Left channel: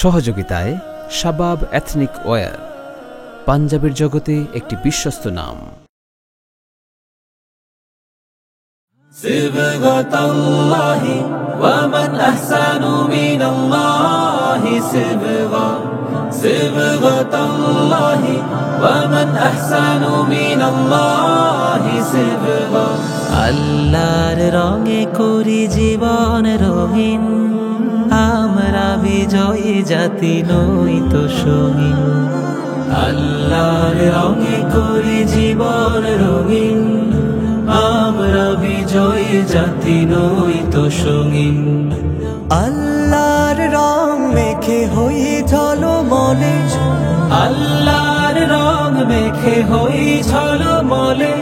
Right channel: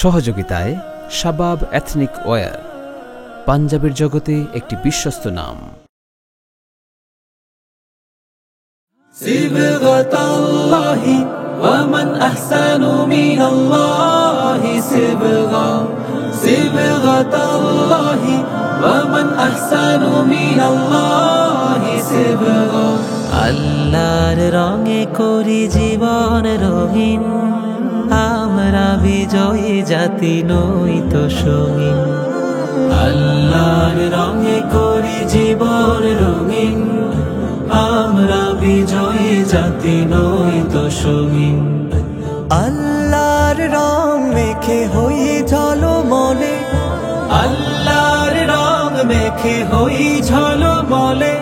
সহযোগিতায় শাবাব ethnic wire, পাঞ্জাবের জগতে একটি বিশ্বস্ত নাম। সিবগাতাল্লাহি ওয়া মান আহসানু মিনাল্লাহি সিবগা, সিবগাতাল্লাহি ওয়া মান আহসানু মিনাল্লাহি সিবগা। আল্লাহর রঙে করি জীবন রঙিন, আমরা বিজয়ী জাতি নই তো সঙ্গীন। আল্লাহর রঙে করি জীবন রঙিন, আমরা বিজয়ী জাতি নই তো সঙ্গীন। আল্লাহর রং মেখে হই ঝলমলে, আল্লাহর রং মেখে হই ঝলমলে,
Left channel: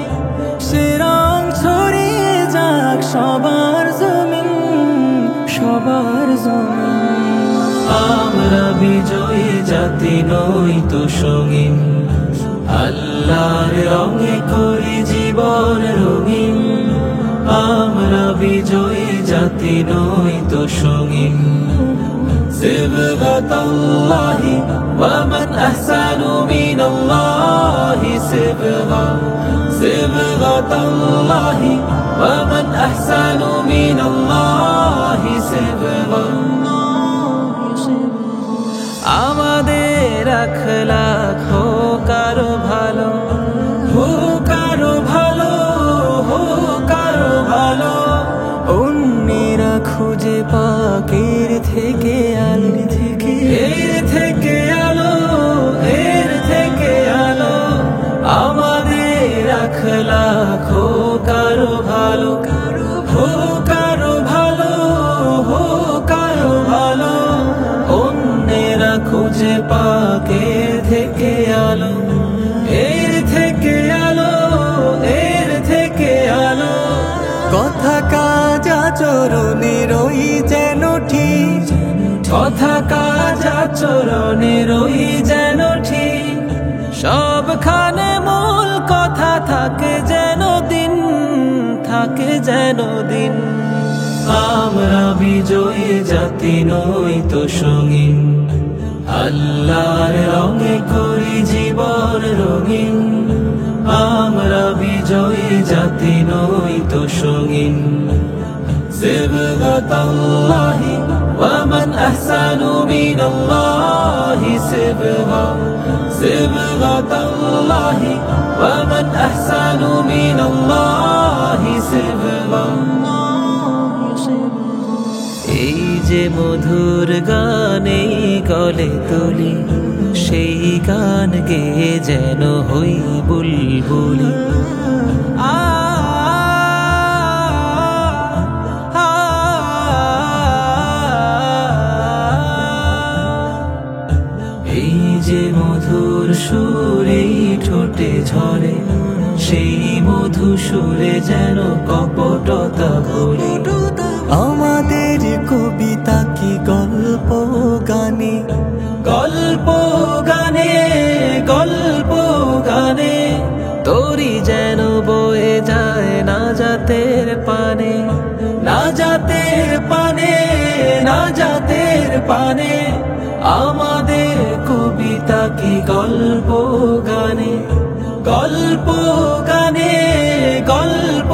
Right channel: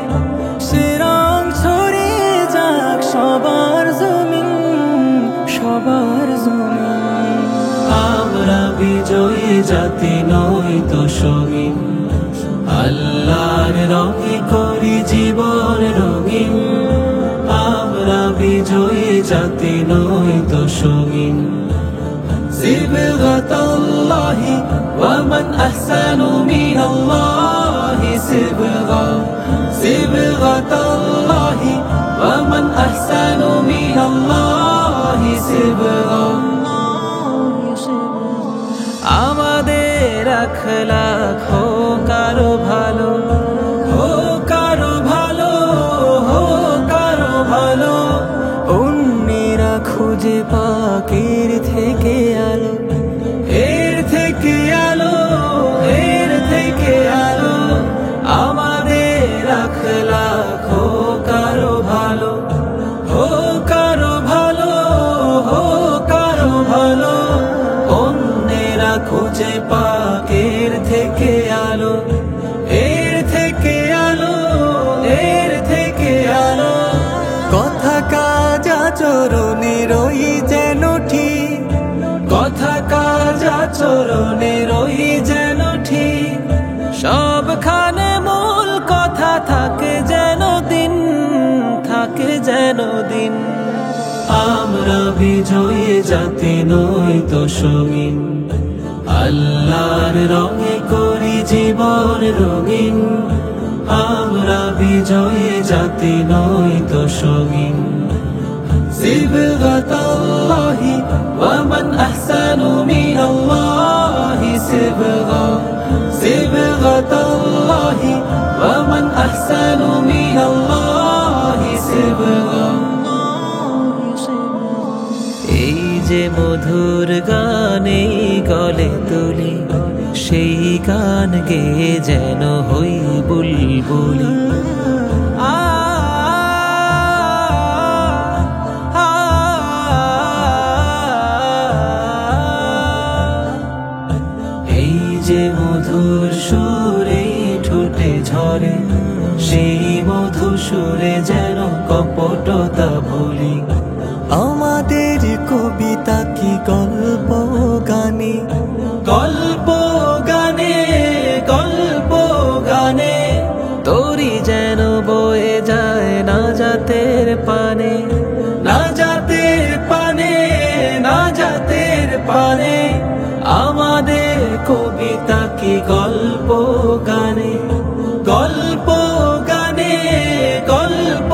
সে রং ছড়িয়ে যাক সবার জমিন, সবার জমিন। আমরা বিজয়ী জাতি নই তো সঙ্গীন। আল্লাহর রঙে করি জীবন রঙিন, আমরা বিজয়ী জাতি নই তো সঙ্গীন। সিবগাতাল্লাহি ওয়া মান আহসানু মিনাল্লাহি সিবগা, সিবগাতাল্লাহি ওয়া মান আহসানু মিনাল্লাহি সিবগা। আমাদের আখলাক হোক আরো ভালো, হোক আরো ভালো, হোক আরো ভালো। অন্যেরা খুঁজে পাক এর থেকে আলো, এর থেকে আলো, এর থেকে আলো। আমাদের আখলাক হোক আরো ভালো, হোক আরো ভালো, হোক আরো ভালো। অন্যেরা খুঁজে পাক এর থেকে আলো, এর থেকে আলো, এর থেকে আলো। কথা কাজ আচরণের ওই যেন ঠিক, কথা কাজ আচরণের ওই যেন ঠিক। সবখানে মূল কথা থাকে যেন দিন, থাকে যেন দিন। আমরা বিজয়ী জাতি নই তো সঙ্গীন। আল্লাহর রঙে করি জীবন রঙিন, আমরা বিজয়ী জাতি নই তো সঙ্গীন। সিবগাতাল্লাহি ওয়া মান আহসানু মিনাল্লাহি সিবগা, সিবগাতাল্লাহি ওয়া মান আহসানু মিনাল্লাহি সিবগা। এই যে মধুর গানে গলে তুলি, সেই গান গেয়ে যেন হই বুলবুলি। এই যে মধুর সুরে ঠোঁটে ঝরে, সেই মধু সুরে যেন কপটতা ভুলি। আমাদের কবিতা কি গল্প গানে, গল্প গানে, গল্প গানে। তোরি যেন বয়ে যায় না জাতের পানে, না জাতের পানে, না জাতের পানে। আমাদের কবিতা কি গল্প গানে, গল্প গানে, গল্প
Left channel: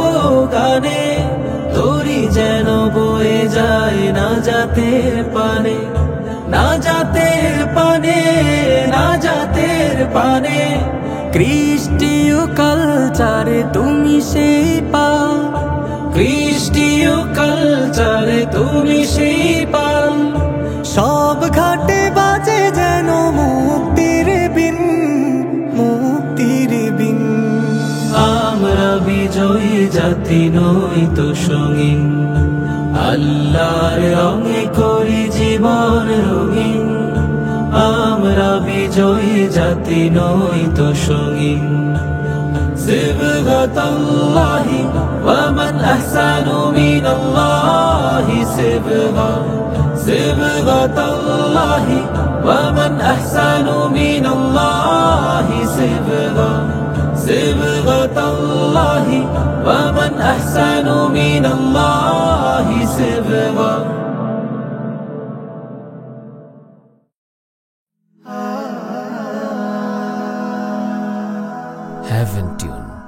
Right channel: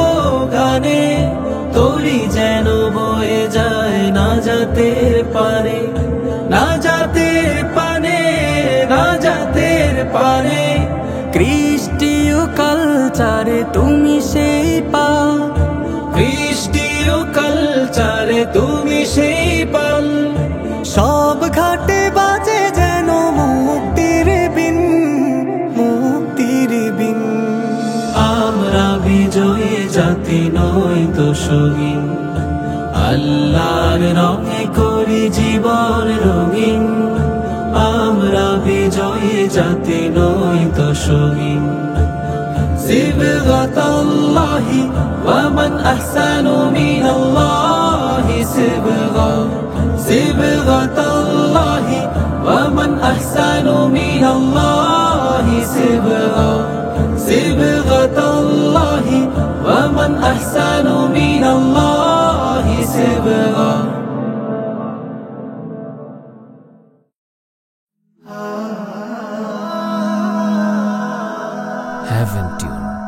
গানে। তোরি যেন বয়ে যায় না জাতের পানে, না জাতের পানে, না জাতের পানে। কৃষ্টিয় কালচারে তুমি সেই পাল, কৃষ্টিয় কালচারে তুমি সেই পাল। সব ঘাটে বাজে যেন মুক্তির বিন, মুক্তির বিন। আমরা বিজয়ী জাতি নই তো সঙ্গীন। আল্লাহর রঙে করি জীবন রঙিন, আমরা বিজয়ী জাতি নই তো সঙ্গীন। সিবগাতাল্লাহি ওয়া মান আহসানু মিনাল্লাহি সিবগা, সিবগাতাল্লাহি ওয়া মান আহসানু মিনাল্লাহি সিবগা, সিবগাতাল্লাহি ওয়া মান আহসানু মিনাল্লাহি সিবগা। Heaven Tune.